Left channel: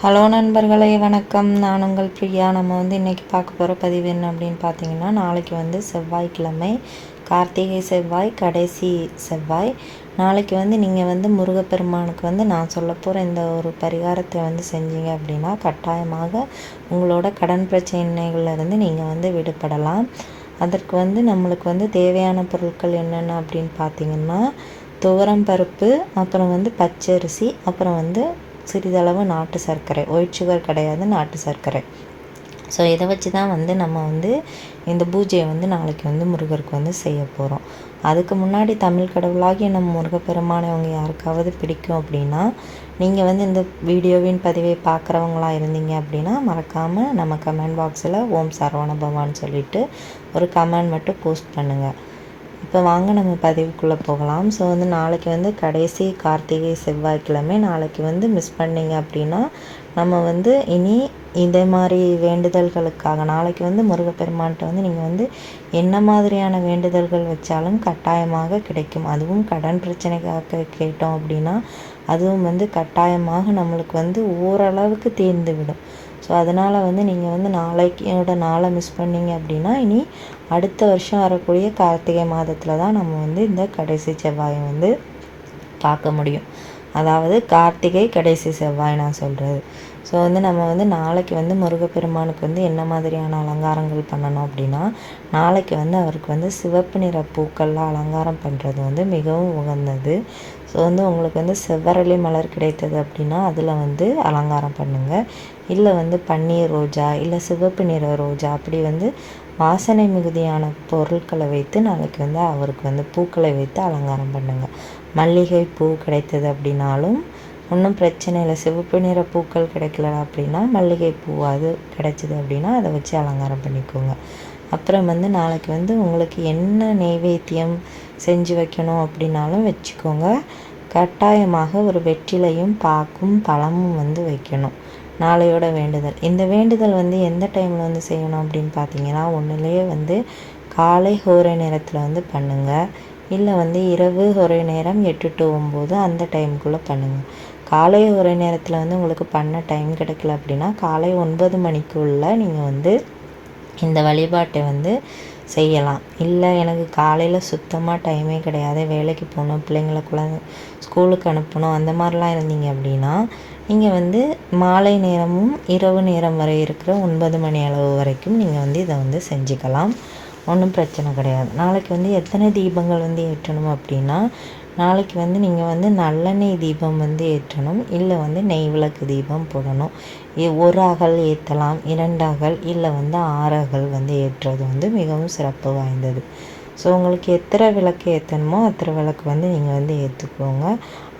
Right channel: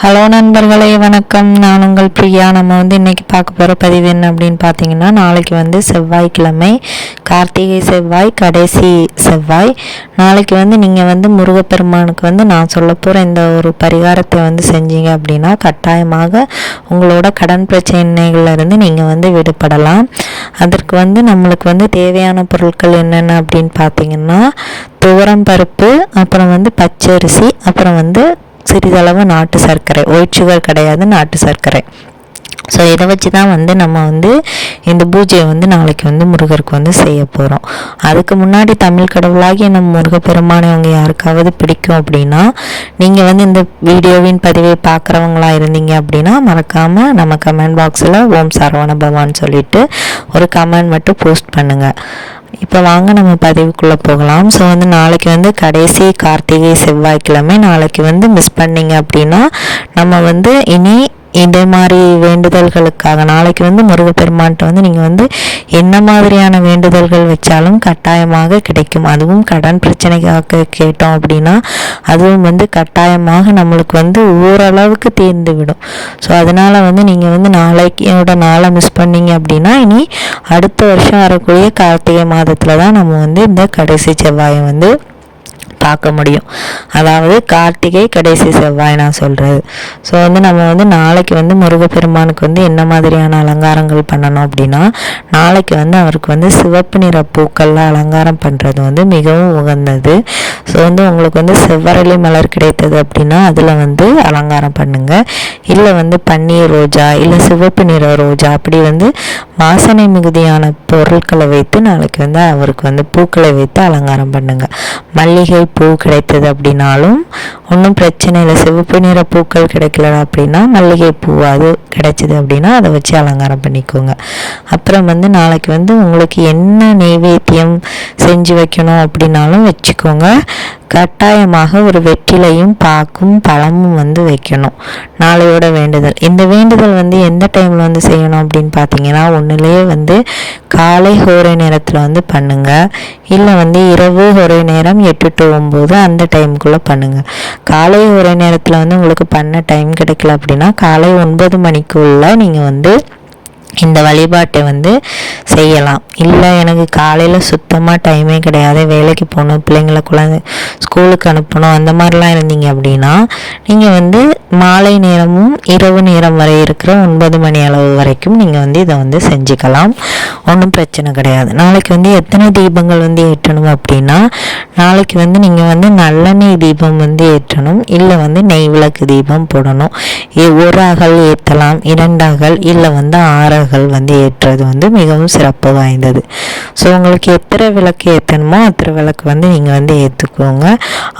Hello நண்பர்களே, வணக்கம். நான் உங்கள் பிரியா. நம்ம இன்றைக்கி பார்க்க போகிற பதிவு என்ன அப்படின்னு பார்த்தீங்கன்னா, நாளைக்கு செவ்வாய்க்கிழமை, கார்த்திகை செவ்வாய், கடைசி செவ்வாய். நாளைக்கு நீங்கள் முருகப்பெருமானுக்கு நான் சொல்ல போகிற இந்த ஒரு பரிகாரத்தை செஞ்சீங்க அப்படின்னா கட்டாயமாக உங்களோட கடன் பிரச்சனைகள்லேருந்து நீங்கள் விடுபடலாம். அதற்கு நம்மளுக்கு தேவையான பொருட்கள் என்னென்ன அப்படின்னு பார்த்தீங்கன்னா, துவரம் பருப்பு, அப்புறம் பச்சரிசி, அப்புறம் சிறிதளவு நாட்டு சர்க்கரை, ஒயிட் சுகர் கிடையாது, நாட்டு சர்க்கரை. ஸோ இதை வச்சு தான் நம்ம இந்த பூஜையை நாளைக்கு முருகருக்கு செய்ய போகிறோம். அதுக்கு முன்னாடி தமிழ் கடவுளாகி நம்ம முருகப்பெருமானை அவங்க யாருக்காவது பிடிக்கும் அப்படின்னா, நீங்கள் இந்த வீடியோவின் பதிவை பார்க்குறவங்களா இருந்தீங்க அப்படின்னா மறக்காமல் நம்ம கமெண்ட் பாக்ஸில் ஓம் சரவண பவான்னு சொல்லிட்டு ஒரு கமெண்ட் மட்டும் போஸ்ட் பண்ணுங்கள். இப்போ வாங்க நம்ம பதிவுக்குள்ளே போகலாம். ஸோ நாளைக்கு கடைசி கார்த்திகை செவ்வாய்க்கிழமை. நாளைக்கு மிஸ் பண்ணிங்க அப்படின்னா நம்ம இனி இதே மாதிரி வேண்டுதல்களுக்காக நாளைக்கு முருகப்பெருமான்கிட்ட நீங்கள் என்ன மாதிரியான வேண்டுதல்கள் வச்சாலும் கட்டாயமாக கிடைக்கும். அதுவும் கடன் பிரச்சனைக்காக கேட்டோம் அப்படின்னா அதுவும் கட்டாயமாக நம்மளுக்கு ஓரளவுக்கு தீர்ந்து விடும். ஸோ அதனால் நீங்கள் நாளைக்கோட நாளை மிஸ் பண்ணிங்க அப்படின்னா இனி அடுத்த வருஷம் வரக்கூடிய கார்த்திகை மாதத்தில் தான் நம்ம இந்த கடைசி செவ்வாயை பார்க்க முடியும். அதாவது கார்த்திகை கடைசி செவ்வாய் நான் சொல்கிறது. ஸோ நம்ம நாளைக்கு முருகப்பெருமானுக்கு என்ன மாதிரியான அலங்காரங்கள் பண்ணணும் அப்படின்னா, நாளைக்கு அவருக்கு சிவப்பு நிற பூக்களில் அலங்காரம் பண்ணுறது மிகவும் உகந்தது. ஸோ உங்களுக்கு செவ்வரளி மலர் கிடைத்தது அப்படின்னா அதில் அலங்காரம் பண்ணுங்கள். இல்லை பன்னீர் ரோஜா, இல்லை சிவப்பு நிற ரோஜா, அப்படி வாசனை மிகுதியான பொருட்களை வைத்து நாளைக்கு அவருக்கு பூக்களை வைத்து அலங்காரம் பண்ணுங்கள். மல்லிகை பூ கிடைத்தது அப்படின்னாலும் ஒன்றும் பிரச்சனை இல்லை. சிவப்பு நிற பூக்கள் கிடைக்கல அப்படின்னா மல்லிகை பூ அது கிடைச்சிது அப்படின்னா அதை வச்சு அலங்காரம் பண்ணிக்கோங்க. அப்புறம் நாளைக்கு உங்களுக்கு என்ன நெய்வேத்தியம் செஞ்சு வைக்கணும் அப்படின்னாலும் வச்சுக்கோங்க. கட்டாயமாக ஒரு வெற்றிலையும் பாக்கும் பழமும் வைக்கணும். நாளையோட வேண்டுதல். இந்த வேண்டுதல் எந்த டைமில் செய்யணும் அப்படின்னு பார்த்தீங்கன்னா, ஒன்றுலேயே காலை ஹோரை நேரத்தில் பண்ணுங்கள். இல்லை இரவு ஹோரை நேரம் 8 to 9 அந்த டைமுக்குள்ளே பண்ணுங்கள். காலை ஹோரை நேரத்தில் உங்களுக்கு பண்ண டைம் கிடைக்கல அப்படின்னா காலை 9 மணிக்குள்ளே நீங்கள் இந்த வழிபாட்டை செய்யலாம். இல்லை எனக்கு காலையில் சுத்தமாக டைமே கிடையாது, வேலைக்கு போகணும், பிள்ளைங்களை குழந்தை ஸ்கூலுக்கு அனுப்பணும், அந்த மாதிரிலாம் இருந்தீங்க அப்படின்னா நீங்கள் மாலை நேரமும் இரவு நேரம் வரை இருக்கிற 9 மணி அளவு வரைக்கும் நீங்கள் இதை செஞ்சுக்கலாம். ஒன்றும் பிரச்சனை கிடையாது. நாளைக்கு எத்தனை தீபங்கள் ஏற்றணும் அப்படின்னா, நாளைக்கு நீங்கள் நல்லெண்ணெய் தீபம் ஏற்றணும். இல்லை நெய் விளக்கு தீபம் போடணும். ஒரு அகல் ஏற்றலாம், 2 அகல், இல்லை 6 ஏற்றுறது மிகவும் சிறப்பு வாய்ந்தது. ஸோ உங்களுக்கு எத்தனை விளக்கு ஏற்றணுமோ அத்தனை விளக்கு நீங்கள் ஏற்றுக்கோங்க.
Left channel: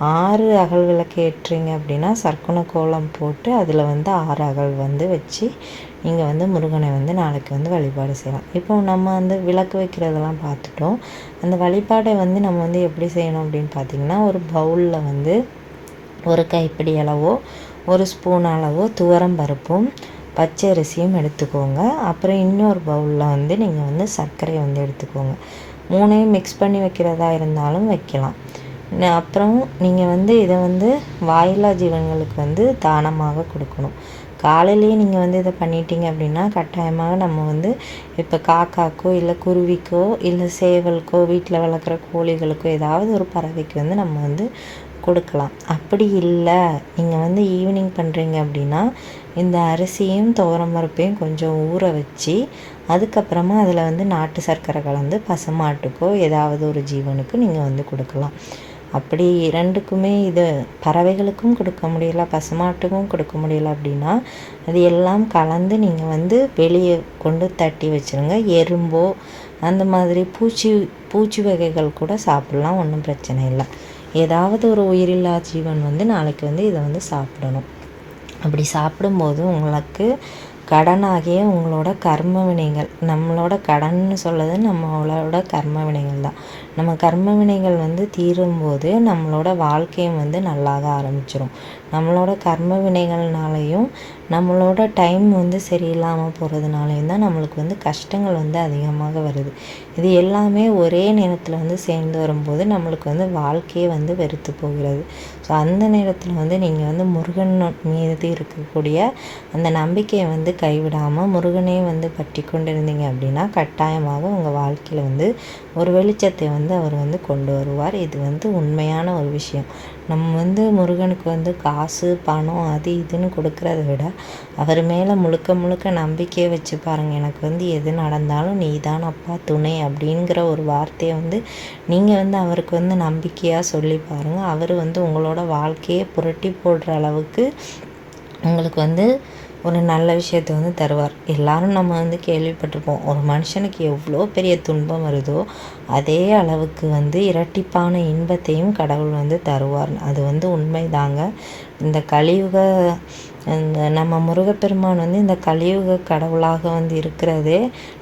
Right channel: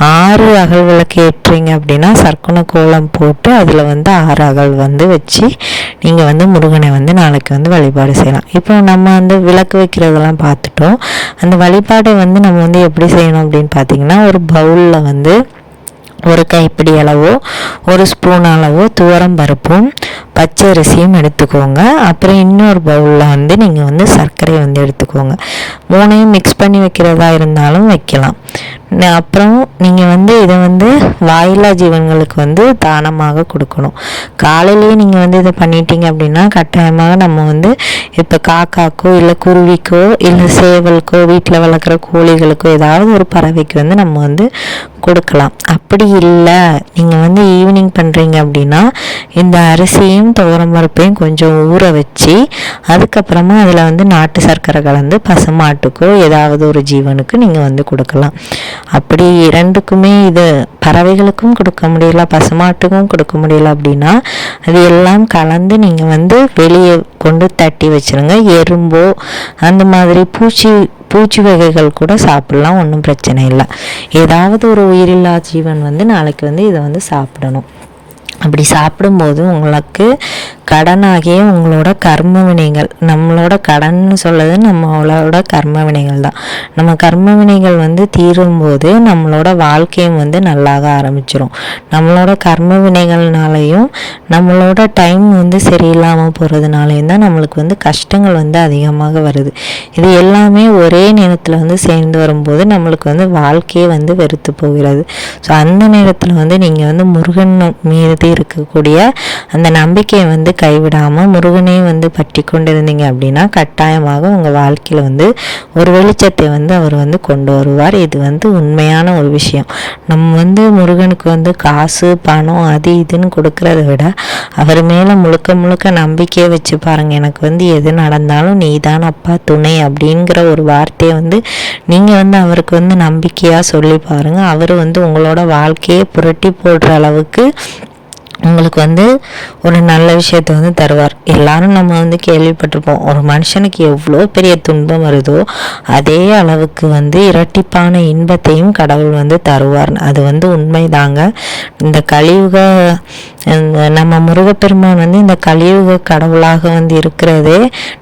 6 அகல் விளக்கு ஏற்றுறீங்க அப்படின்னா சர்க்குண கோலம் போட்டு அதில் 6 அகல் வச்சு நீங்கள் முருகனை நாளைக்கு வழிபாடு செய்யலாம். இப்போ நம்ம விளக்கு வைக்கிறதெல்லாம் பார்த்துட்டோம். அந்த வழிபாடை நம்ம எப்படி செய்யணும் அப்படின்னு பார்த்தீங்கன்னா, ஒரு பவுலில் ஒரு கைப்பிடி அளவோ 1 ஸ்பூன் அளவோ துவரம் பருப்பும் பச்சரிசியும் எடுத்துக்கோங்க. அப்புறம் இன்னொரு பவுலில் நீங்கள் சர்க்கரை எடுத்துக்கோங்க. 3ஐயும் மிக்ஸ் பண்ணி வைக்கிறதா இருந்தாலும் வைக்கலாம். அப்புறம் நீங்கள் இதை வாயிலா ஜீவன்களுக்கு தானமாக கொடுக்கணும். காலையிலேயே நீங்கள் இதை பண்ணிட்டீங்க அப்படின்னா கட்டாயமாக நம்ம இப்போ காக்காக்கோ இல்லை குருவிக்கோ இல்லை சேவலுக்கோ வீட்டில் வளர்க்குற கோழிகளுக்கோ ஏதாவது ஒரு பறவைக்கு நம்ம கொடுக்கலாம். அப்படி இல்லை நீங்கள் ஈவினிங் பண்ணுறீங்க அப்படின்னா இந்த அரிசியும் துவரம் பருப்பையும் கொஞ்சம் ஊற வச்சு அதுக்கப்புறமா அதில் நாட்டு சர்க்கரை கலந்து பசுமாட்டுக்கோ ஏதாவது ஒரு ஜீவனுக்கு நீங்கள் கொடுக்கலாம். அப்படி 2க்குமே இது பறவைகளுக்கும் கொடுக்க முடியல, பசுமாட்டுக்கும் கொடுக்க முடியல அப்படின்னா அது எல்லாம் கலந்து நீங்கள் வெளியே கொண்டு தட்டி வச்சுருங்க. எறும்போ அந்த மாதிரி பூச்சி வகைகள் கூட சாப்பிடலாம், ஒன்றும் பிரச்சனை இல்லை. ஏதாவது ஒரு உயிரில்லா ஜீவன் நாளைக்கு இதை சாப்பிடணும். அப்படி சாப்பிடும்போது உங்களுக்கு கடனாகிய உங்களோட கர்ம வினைகள், நம்மளோட கடன்னு சொல்லது நம்மளோட கர்ம வினைகள் தான். நம்ம கர்ம வினைகள் வந்து தீரும்போது நம்மளோட வாழ்க்கையும் வந்து நல்லாக ஆரம்பிச்சிடும். நம்மளோட கர்ம வினைகள்னாலையும் நம்மளோட டைம் வந்து சரியில்லாமல் போகிறதுனாலையும் தான் நம்மளுக்கு வந்து கஷ்டங்கள் வந்து அதிகமாக வருது. இது எல்லாமே ஒரே நேரத்தில் வந்து சேர்ந்து வரும்போது நம்மளுக்கு வந்து வாழ்க்கையே வந்து வெறுத்து போகிறது. ஸோ அந்த நேரத்தில் வந்து நீங்கள் வந்து முருகன் மீது இருக்கக்கூடிய அந்த நம்பிக்கையை வந்து கைவிடாமல் முருகனையும் வந்து பற்றி கொண்டு இருந்தீங்க அப்படின்னா கட்டாயமாக உங்கள் வாழ்க்கையில் வந்து ஒரு வெளிச்சத்தை வந்து அவர் வந்து கொண்டு வருவார். இது வந்து உண்மையான ஒரு விஷயம். நம்ம வந்து முருகனுக்கு வந்து காசு பணம் அது இதுன்னு கொடுக்கறத விட அவர் மேலே முழுக்க முழுக்க நம்பிக்கையை வச்சு பாருங்கள். எனக்கு வந்து எது நடந்தாலும் நீ தான் அப்பா துணை அப்படிங்கிற ஒரு வார்த்தையை வந்து நீங்கள் வந்து அவருக்கு வந்து நம்பிக்கையாக சொல்லி பாருங்கள். அவர் வந்து உங்களோட வாழ்க்கையை புரட்டி போடுற அளவுக்கு உங்களுக்கு வந்து ஒரு நல்ல விஷயத்தை வந்து தருவார். எல்லாரும் நம்ம வந்து கேள்விப்பட்டிருப்போம், ஒரு மனுஷனுக்கு எவ்வளோ பெரிய துன்பம் வருதோ அதே அளவுக்கு வந்து இரட்டிப்பான இன்பத்தையும் கடவுள் வந்து தருவார். அது வந்து உண்மைதாங்க. இந்த கலியுக நம்ம முருகப்பெருமான் வந்து இந்த கலியுக கடவுளாக வந்து இருக்கிறதே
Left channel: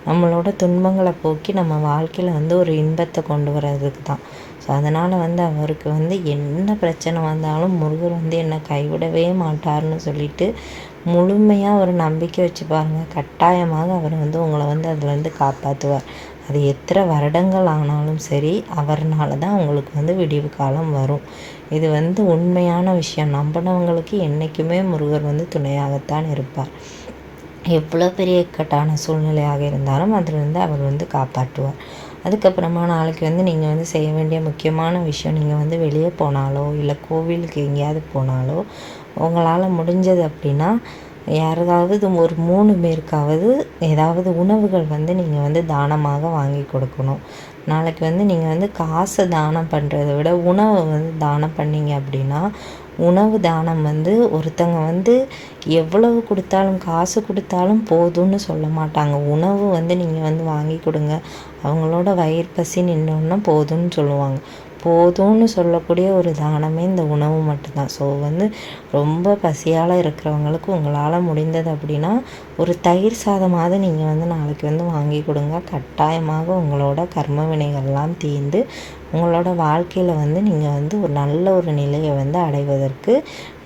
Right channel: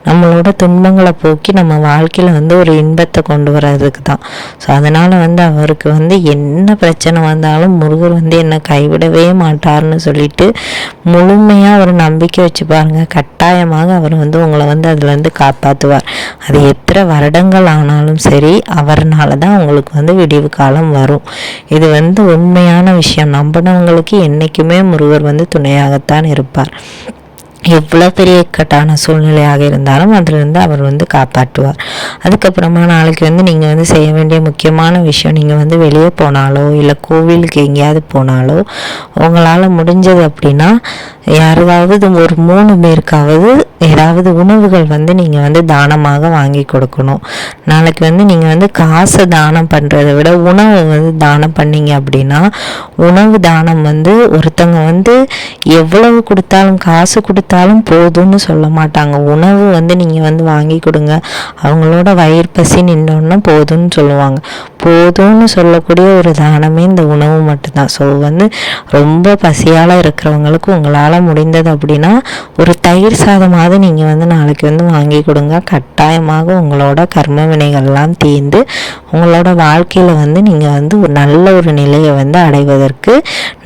நம்மளோட துன்பங்களை போக்கி நம்ம வாழ்க்கையில் வந்து ஒரு இன்பத்தை கொண்டு வர்றதுக்கு தான். ஸோ அதனால் வந்து அவருக்கு வந்து என்ன பிரச்சனை வந்தாலும் முருகர் வந்து என்னை கைவிடவே மாட்டார்னு சொல்லிட்டு முழுமையாக ஒரு நம்பிக்கை வச்சு பாருங்கள். கட்டாயமாக அவர் வந்து உங்களை வந்து அதுலேருந்து காப்பாற்றுவார். அது எத்தனை வருடங்கள் ஆனாலும் சரி அவர்னால தான் உங்களுக்கு வந்து விடிவு காலம் வரும். இது வந்து உண்மையான விஷயம். நம்பினவங்களுக்கு என்றைக்குமே முருகர் வந்து துணையாகத்தான் இருப்பார். எவ்வளோ பெரிய இக்கட்டான சூழ்நிலையாக இருந்தாலும் அதிலிருந்து அவர் வந்து காப்பாற்றுவார். அதுக்கப்புறமா நாளைக்கு வந்து நீங்கள் வந்து செய்ய வேண்டிய முக்கியமான விஷயம், நீங்கள் வந்து வெளியே போனாலோ இல்லை கோவிலுக்கு எங்கேயாவது போனாலோ உங்களால் முடிஞ்சது அப்படின்னா யாராவது ஒரு 3 பேருக்காவது ஏதாவது உணவுகள் வந்து நீங்கள் வந்து தானமாக வாங்கி கொடுக்கணும். நாளைக்கு வந்து நீங்கள் வந்து காசை தானம் பண்ணுறதை விட உணவை வந்து தானம் பண்ணீங்க அப்படின்னா உணவு தானம் வந்து ஒருத்தவங்க வந்து எவ்வளவு கொடுத்தாலும் காசு கொடுத்தாலும் போதும்னு சொல்ல மாட்டாங்க. உணவு வந்து நீங்கள் வந்து வாங்கி கொடுங்க, அவங்களோட வயிறு பசி நின்னோன்னா போதும்னு சொல்லுவாங்க. போதும்னு சொல்லக்கூடிய ஒரு தானமே இந்த உணவு மட்டும்தான். ஸோ வந்து ரொம்ப பசியால் இருக்கிறவங்களுக்கு உங்களால் முடிந்தது அப்படின்னா ஒரு தயிர் சாதமாவது நீங்கள் வந்து நாளைக்கு வந்து வாங்கி கொடுங்க. கட்டாயமாக உங்களோட கர்ம வினைகள்லாம் தீர்ந்து உங்களோட வாழ்க்கையில் வந்து நீங்கள் வந்து ஒரு நல்ல ஒரு நிலையை வந்து அடைவதற்கு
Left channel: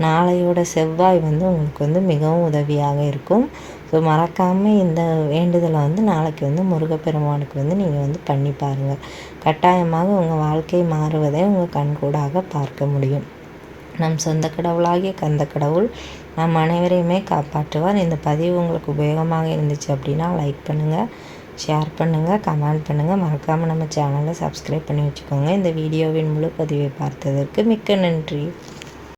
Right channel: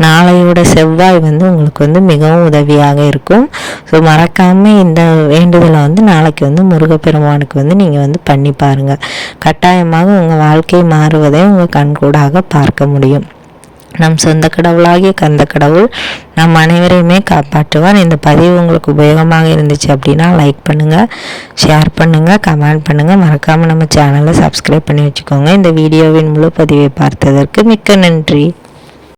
நாளையோட செவ்வாய் வந்து உங்களுக்கு வந்து மிகவும் உதவியாக இருக்கும். ஸோ மறக்காமல் இந்த வேண்டுதலை வந்து நாளைக்கு வந்து முருகப்பெருமானுக்கு வந்து நீங்கள் வந்து பண்ணி பாருங்கள். கட்டாயமாக உங்கள் வாழ்க்கை மாறுவதை உங்கள் கண்கூடாக பார்க்க முடியும். நம் சொந்த கடவுளாகிய கந்த கடவுள் நம் அனைவரையுமே காப்பாற்றுவார். இந்த பதிவு உங்களுக்கு உபயோகமாக இருந்துச்சு அப்படின்னா லைக் பண்ணுங்கள், ஷேர் பண்ணுங்கள், கமெண்ட் பண்ணுங்கள். மறக்காமல் நம்ம சேனலை சப்ஸ்கிரைப் பண்ணி வச்சுக்கோங்க. இந்த வீடியோவின் முழு பதிவை பார்த்ததற்கு மிக்க நன்றி.